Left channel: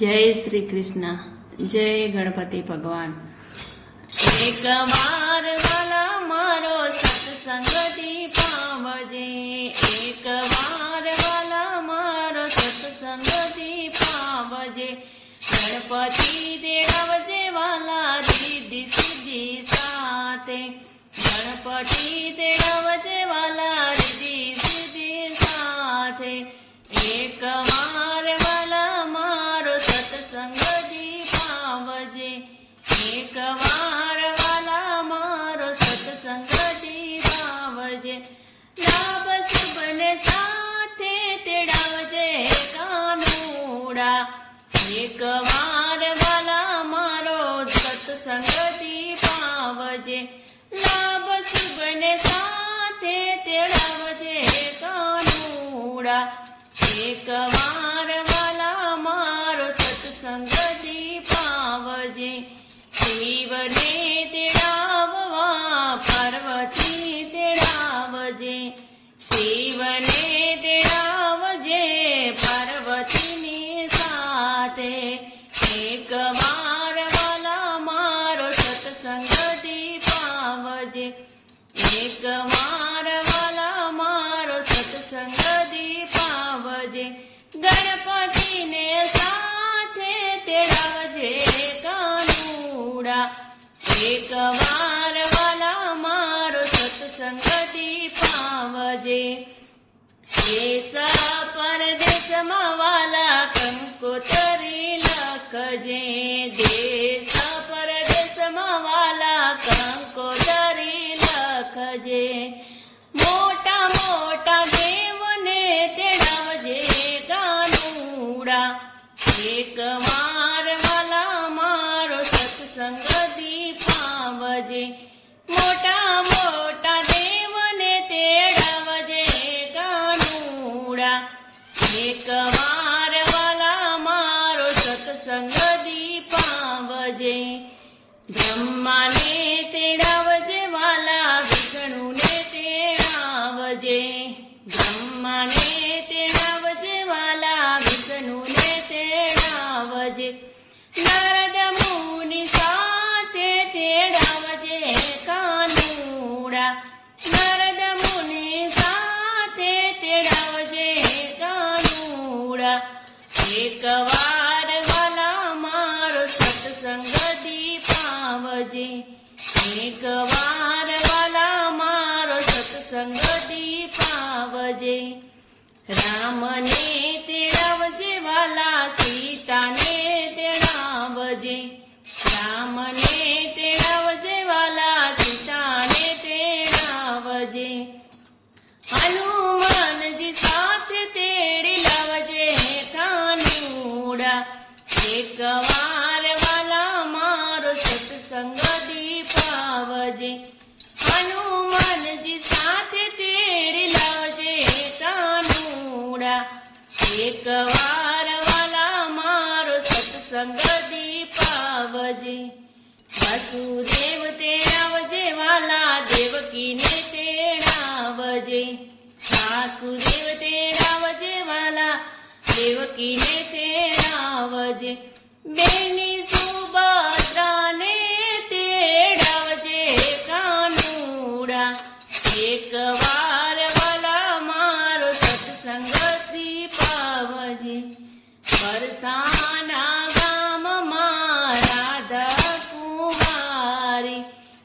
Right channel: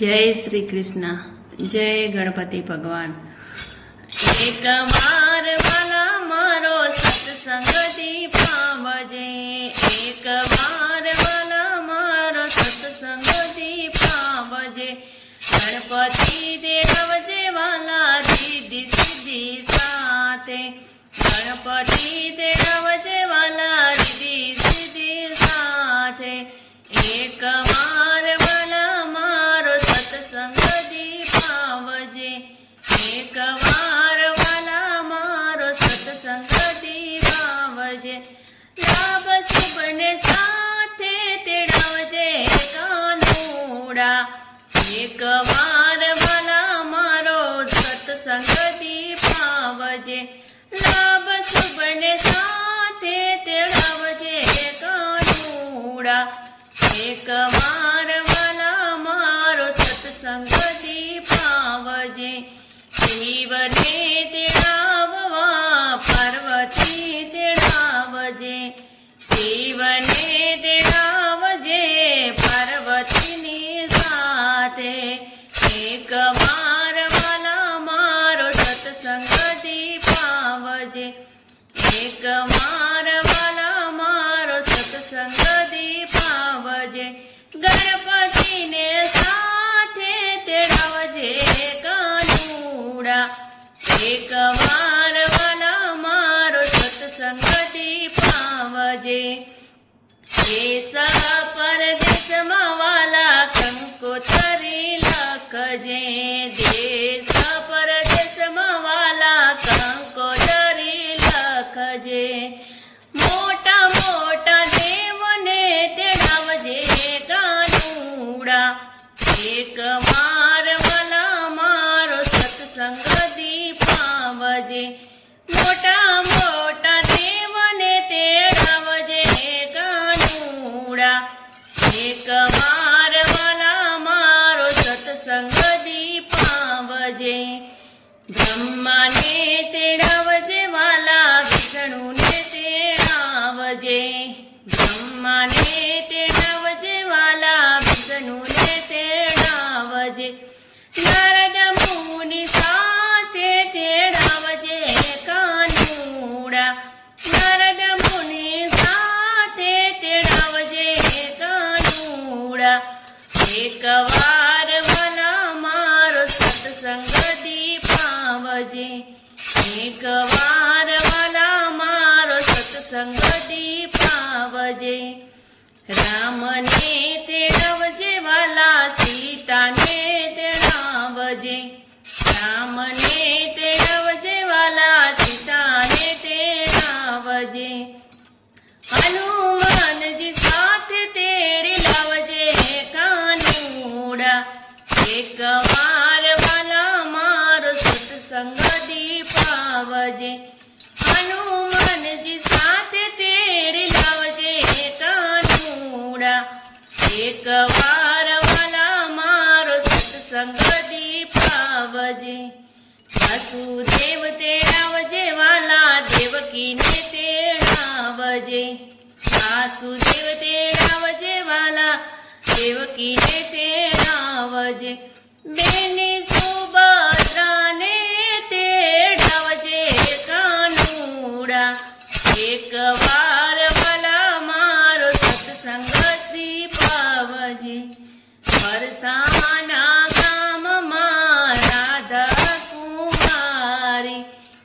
जय श्री कृष्ण। जय गणपति भगवान। एक बार वाला मारो सत्संग दीपावजे, एक बार वाला मारो सत्संग दीपावजे। गणपति देवजे वाला रिद्धि सिद्धि साथे, गणपति देवजे वाला रिद्धि सिद्धि साथे। एक बार वाला मारो सत्संग दीपावजे, एक बार वाला मारो सत्संग दीपावजे। लाभ शुभ ने साथे तेड़ावजे कानूड़ा, एक बार वाला मारो सत्संग दीपावजे। लाभ शुभ ने साथे तेड़ावजे कानूड़ा, एक बार वाला मारो सत्संग दीपावजे। शिव ने तेड़ाववा पार्वती तेड़ावजे, शिव ने तेड़ावजे पार्वती नी साथे। एक बार वाला मारो सत्संग दीपावजे, एक बार वाला मारो सत्संग दीपावजे। गणपति ने साथे तेड़ावजे कानूड़ा, एक बार वाला मारो सत्संग दीपावजे। देश परदेश वाला कंकोतरी लखजे, देश परदेश वाला कंकोतरी लखजे। मोटा मोटा देवने तेड़ावजे कानूड़ा, एक बार वाला मारो सत्संग दीपावजे। मोटा मोटा देवने तेड़ावजे कानूड़ा, एक बार वाला मारो सत्संग दीपावजे। ब्रह्मा ने तेड़ावजे वाला विष्णु ने तेड़ावजे, ब्रह्मा ने तेड़ावजे वाला विष्णु ने तेड़ावजे। नारद मुनि साथे तेड़ावजे कानूड़ा, नारद मुनि साथे तेड़ावजे कानूड़ा। एक बार वाला मारो सत्संग दीपावजे, एक बार वाला मारो सत्संग दीपावजे। राम ने तेड़ावजे वाला सीता ने तेड़ावजे, राम ने तेड़ावजे वाला सीता ने तेड़ावजे। हनुमान जी साथ तेड़ी लावजे कानूड़ा, एक बार वाला मारो सत्संग दीपावजे। हनुमान जी साथ तेड़ी लावजे कानूड़ा, एक बार वाला मारो सत्संग दीपावजे। वासुदेव तेड़ावजे वाला देवकी ने तेड़ावजे, वासुदेव तेड़ावजे वाला देवकी ने तेड़ावजे। बेनी सुभद्रा ने तेड़ावजे कानूड़ा, एक बार वाला मारो सत्संग दीपावजे। बरसाना गाम मां राधा कुमारी,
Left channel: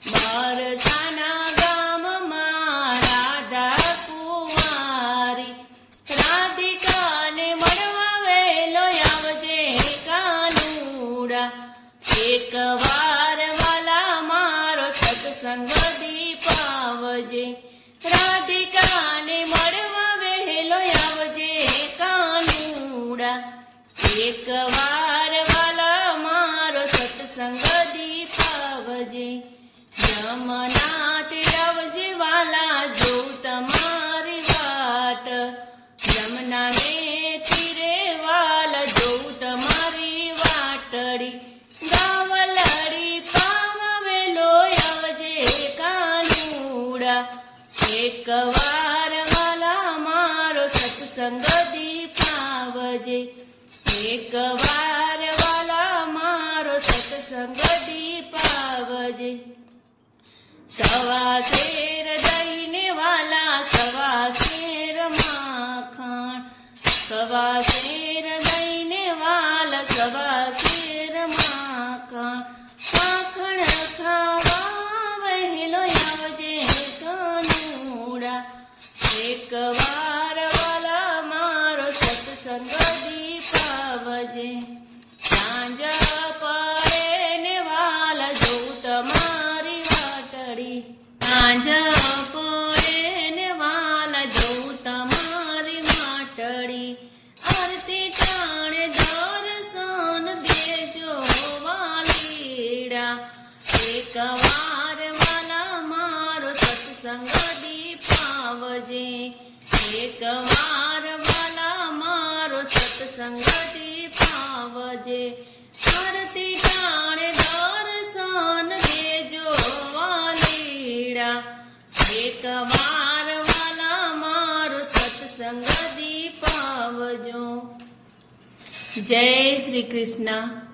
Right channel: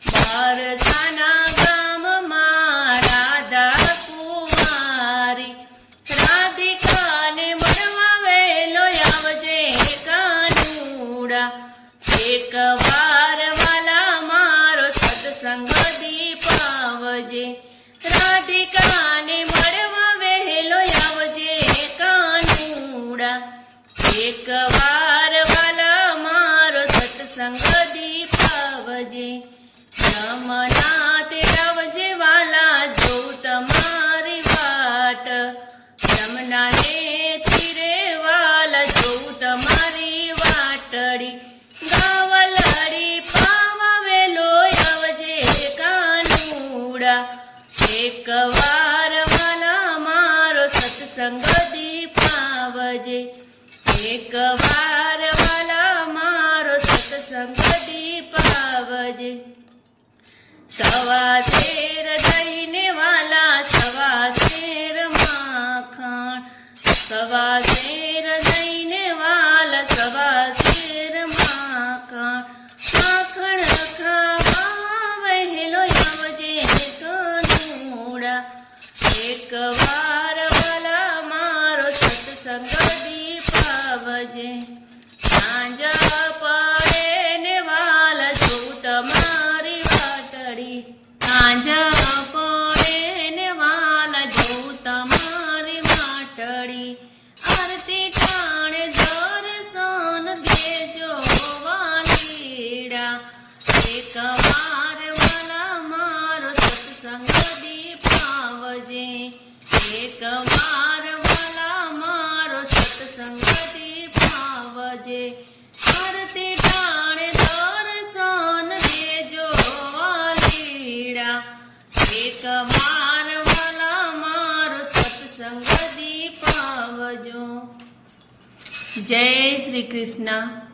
बरसाना गाम मां राधा कुमारी। राधिका ने मरवा वेलो आवजे कानूड़ा, एक बार वाला मारो सत्संग दीपावजे। राधिका ने मरवा वेलो आवजे कानूड़ा, एक बार वाला मारो सत्संग दीपावजे। यमुना तेड़ावजे वाला जो तमारी वाट, यमुना ने तीरे वाला जो तमारी वाटड़ी। गावलड़ी पावा वेलो आवजे कानूड़ा, एक बार वाला मारो सत्संग दीपावजे। एक વાર વાલા મારો સત્સંગ દીપાવજે સવા શેર દઈને વાલા સવા શેર માખણ સવા શેર દઈને વાલા સવા શેર માખણ માખણ ખાવા વહેલો આવજે કાનુડા એક વાર વાલા મારો સત્સંગ દીપાવજે સાંજ પડે ને વાલા જોઉં તમારી વાટડી સાંજ પડે ને વાલા જોઉં તમારી વાટડી આરતી ટાણે દર્શન દેજો વાલીડા એક વાર વાલા મારો સત્સંગ દીપાવજે એક વાર વાલા મારો સત્સંગ દીપાવજે આરતી ટાણે દર્શન દેજો વાલીડા એક વાર વાલા મારો સત્સંગ દીપાવજો જય શ્રી કૃષ્ણ।